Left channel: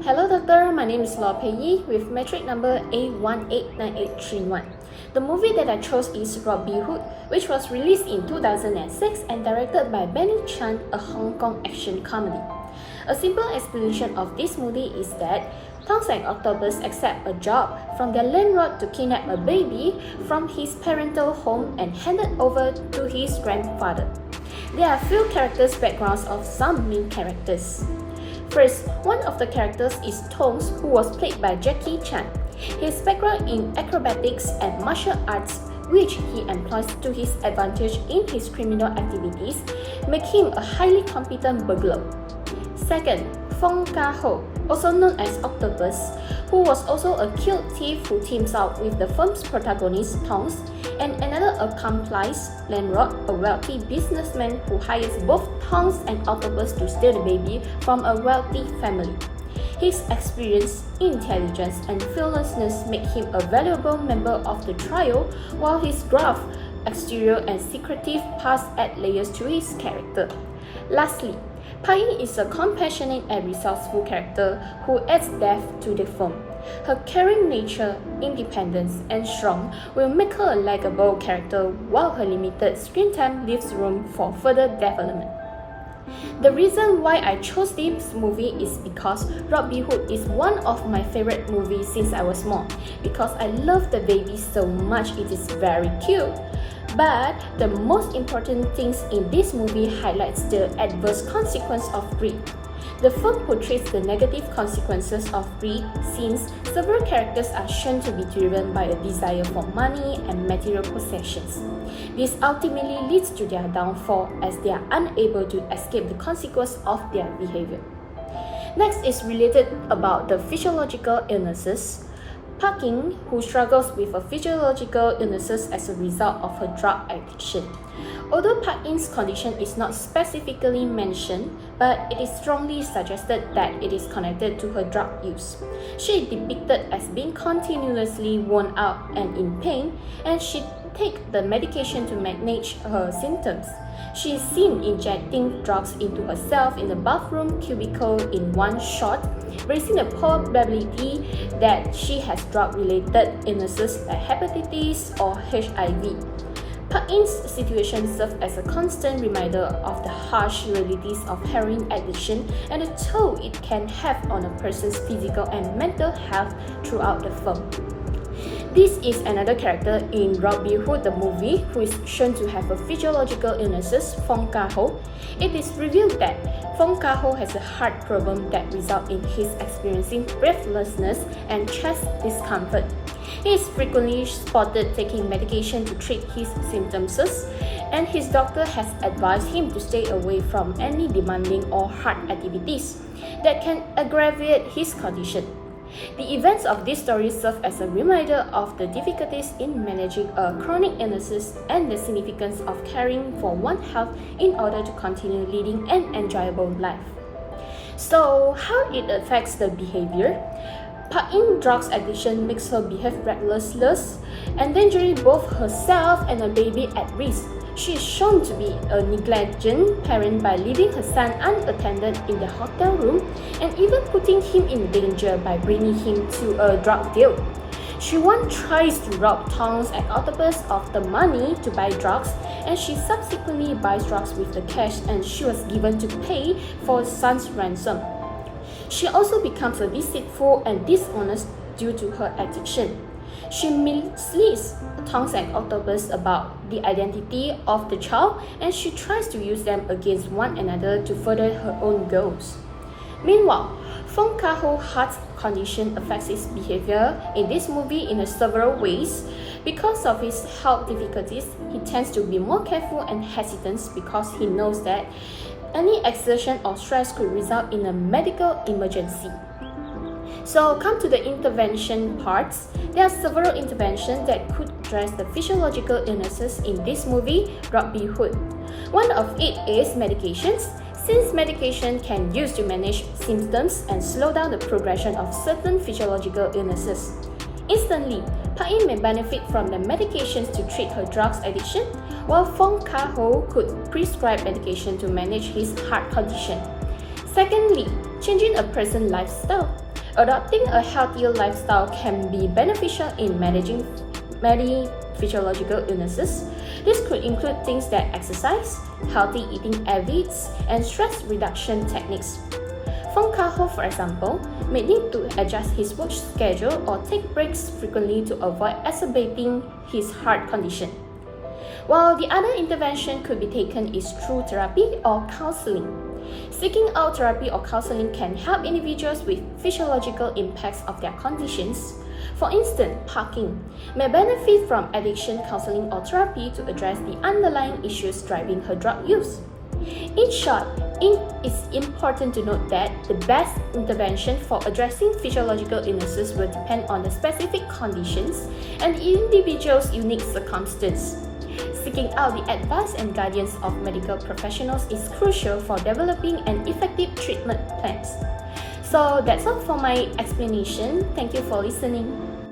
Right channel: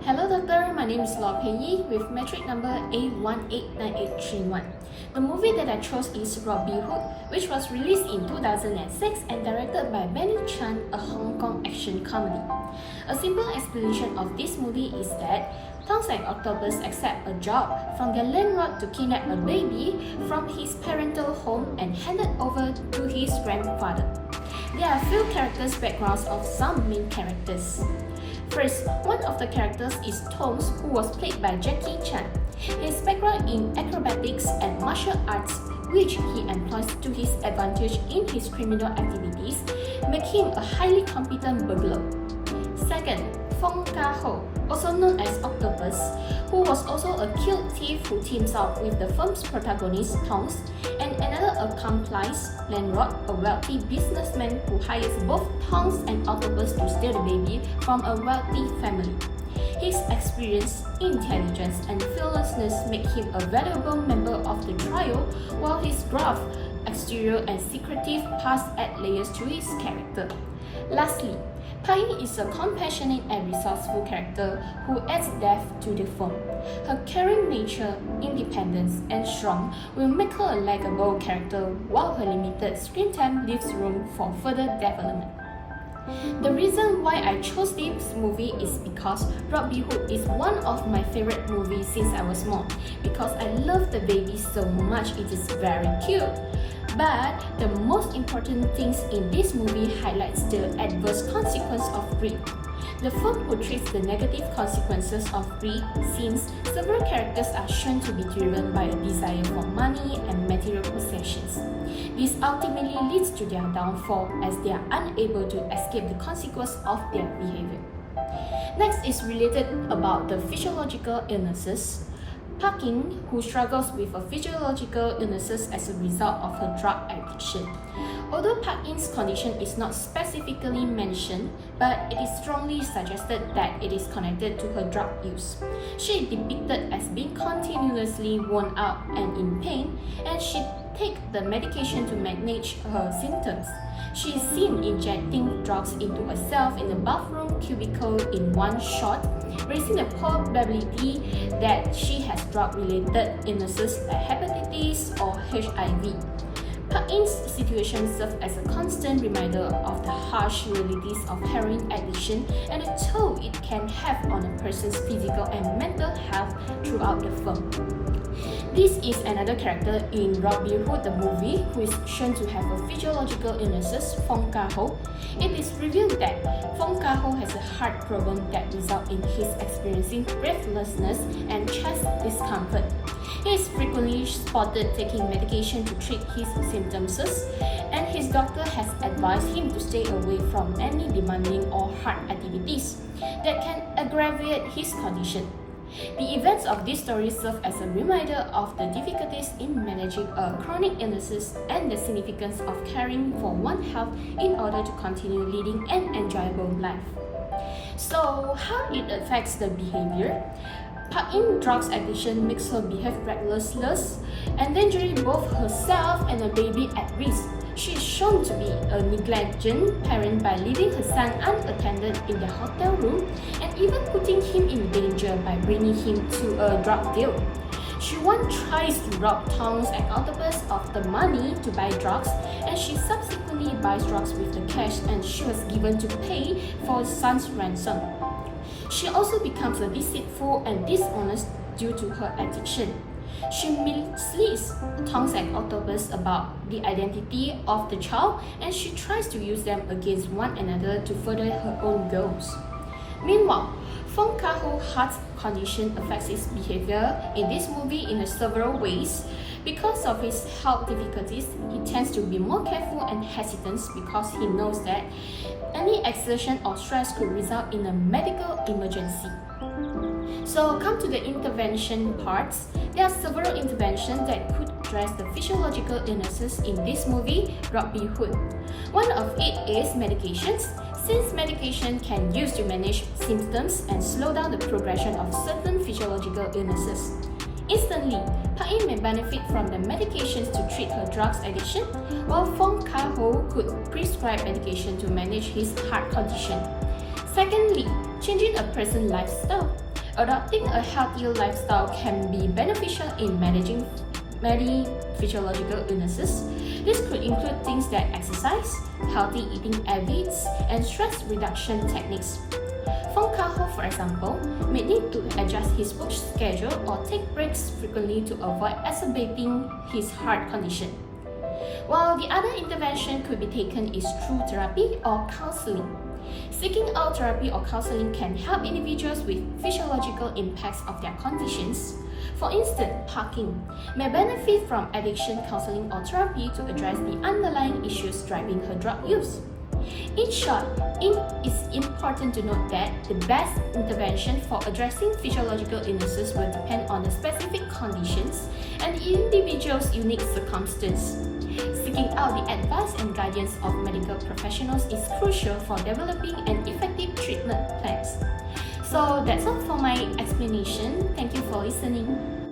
Hello doctor, my name is Law Pei Yi with metric number A189831. The movie that I chose is Robin Hood, which was released in 2006 and directed by Benny Chan, a Hong Kong action comedy. A simple explanation of this movie is that Tongs and Octopus accept a job from their landlord to kidnap a baby from his parental home and hand it over to his grandfather. There are few characters' backgrounds of some main characters. First, one of the characters is Tongs, who was played by Jackie Chan. His background in acrobatics and martial arts, which he employs to his advantage in his criminal activities, make him a highly competent burglar. Second, Fong Ka-ho, also known as Octopus, who was also a killed thief who teams up with the film's protagonist Tongs and another accomplice, landlord, a wealthy businessman who hires both Tongs and Octopus to steal the baby from a wealthy family. His experience, intelligence, and fearlessness make him a valuable member of the trio, while his gruff exterior and secretive past add layers to his character. Lastly, Pai is a compassionate and resourceful character who adds depth to the film. Her caring nature, independence, and strong will make her a likable character, while her limited screen time leaves room for further development. The reason why I chose this movie is because Robin Hood is one of my favorite movies since I was small, because I love the baby so much. It is very cute. But the most important things in this movie highlights the adverse consequence of greed. The film portrays the negative consequences of greed since several characters are shown to be driven by a desire for money and material possessions. This ultimately leads to their downfall as they are unable to escape the consequence of their behavior. Next is related about the physiological illnesses. Park In, who struggles with a physiological illnesses as a result of her drug addiction. Although Park In's condition is not specifically mentioned, but it is strongly suggested that it is connected to her drug use. She is depicted as being continuously worn out and in pain, and she takes the medication to manage her symptoms. She is seen injecting drugs into herself in the bathroom cubicle in one shot, raising the probability that she has drug-related illnesses like hepatitis or HIV. Park In's situation serves as a constant reminder of the harsh realities of heroin addiction and the toll it can have on a person's physical and mental health throughout the film. This is another character in Robin Hood the movie who is shown to have a physiological illnesses, Fong Ka-ho. It is revealed that Fong Ka-ho has a heart problem that results in his experiencing breathlessness and chest discomfort. He is frequently spotted taking medication to treat his symptoms, and his doctor has advised him to stay away from any demanding or hard activities that can aggravate his condition. The events of this story serve as a reminder of the difficulties in managing a chronic illnesses and the significance of caring for one's health in order to continue leading an enjoyable life. So, how it affects the behavior? Park In drugs addiction makes her behave recklessly, endangering both herself and her baby at risk. She is shown to be a negligent parent by leaving her son unattended in the hotel room and even putting him in danger by bringing him to a drug deal. She once tries to rob Tongs and Octopus of the money to buy drugs, and she subsequently buys drugs with the cash and she was given to pay for her son's ransom. She also becomes a deceitful and dishonest due to her addiction. She misleads Tongs and Octopus about the identity of the child, and she tries to use them against one another to further her own goals. Meanwhile, Fong Ka-ho's heart condition affects his behavior in this movie in several ways. Because of his health difficulties, he tends to be more careful and hesitant because he knows that any exertion or stress could result in a medical emergency. So, come to the intervention parts. There are several interventions that could address the physiological illnesses in this movie, Robin Hood. One of it is medications, since medication can be used to manage symptoms and slow down the progression of certain physiological illnesses. Instantly, Pai may benefit from the medications to treat her drugs addiction, while Fong Ka-ho could prescribe medication to manage his heart condition. Secondly, changing a person's lifestyle. Adopting a healthier lifestyle can be beneficial in managing many physiological illnesses. This could include things like exercise, healthy eating habits, and stress reduction techniques. Fong Kar-ho, for example, may need to adjust his work schedule or take breaks frequently to avoid exacerbating his heart condition. While the other intervention could be taken is through therapy or counseling. Seeking out therapy or counseling can help individuals with physiological impacts of their conditions. For instance, parking may benefit from addiction counseling or therapy to address the underlying issues driving her drug use. In short, it is important to note that the best intervention for addressing physiological illnesses will depend on the specific conditions and the individual's unique circumstance. Seeking out the advice and guidance of medical professionals is crucial for developing an effective treatment plan. So that's all for my explanation. Thank you for listening.